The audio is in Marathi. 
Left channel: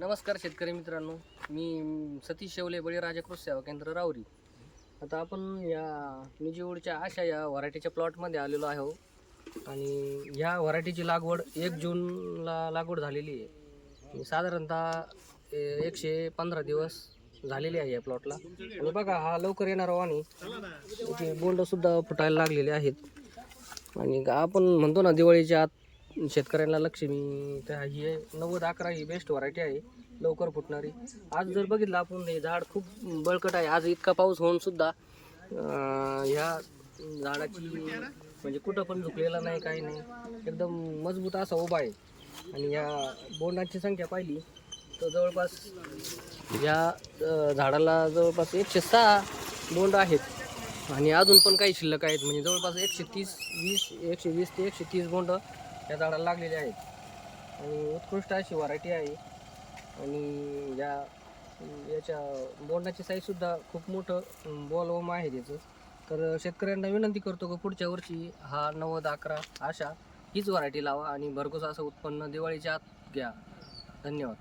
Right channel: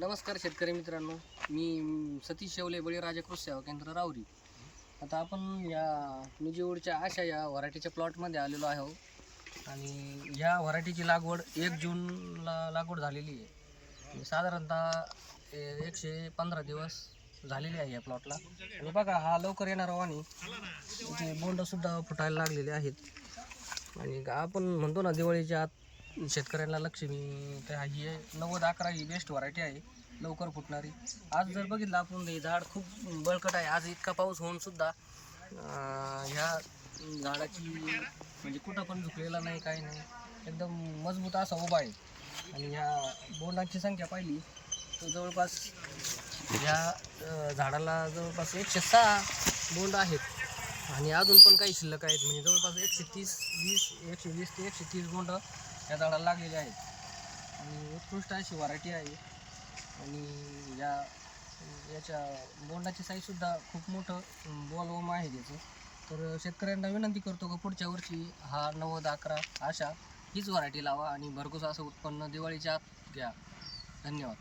नमस्कार शेतकरी मित्रांनो, मी सतीश शेवले बळीराजा कृषी सेवा केंद्र राहुरी. आता आपण या निजीवडच्या आशा या व्हरायटीच्या प्लॉटमध्ये आलेलो आहोत आणि ह्या व्हरायटीची लागवड 1 जूनला लागवड झालेली आहे. साधारणतः 115 दिवस झालेले आहे या प्लॉटला. आणि बघा, हा लवकर येणारा आणि इथे बोंडसुद्धा फुटायला लागलेले आहेत. आणि आपण म्हणतो ना, दिवाळीच्या आत शेतकऱ्यांना लक्ष्मी, तर ही 90-11 ही बेस्ट व्हरायटी आहे, लवकर फुटणारी. आज जर बघितलं आपण, हे झाड खूप बळकट आहे. आज इतका पाऊस होऊन सुद्धा ह्या झाडाची म्हणजे कुठं पण झुकलेला नाही, काही नाही, एकदम मजबूत असा उभा आहे. आणि या बोंडांची संख्या पाहिली तर जवळपास या झाडाला जवळपास 106 बोंड आहेत. आणि अजून पण काही शिल्लक आहेत, म्हणजे जवळपास 120 ते 130 बोंड या झाडाला लागलेले आहेत. आणि उत्कृष्ट अशी व्हरायटी आहे. आणि याच्या बोंडाची साईजसुद्धा खूप मोठं बोलवम आहे त्याचं. तर शेतकऱ्यांना विनंती करतो की पुढच्या वर्षी हा 90-11 अशा हीच व्हरायटी लावा आणि भरघोस असं उत्पन्न दिवाळीच्या आत घ्या. धन्यवाद.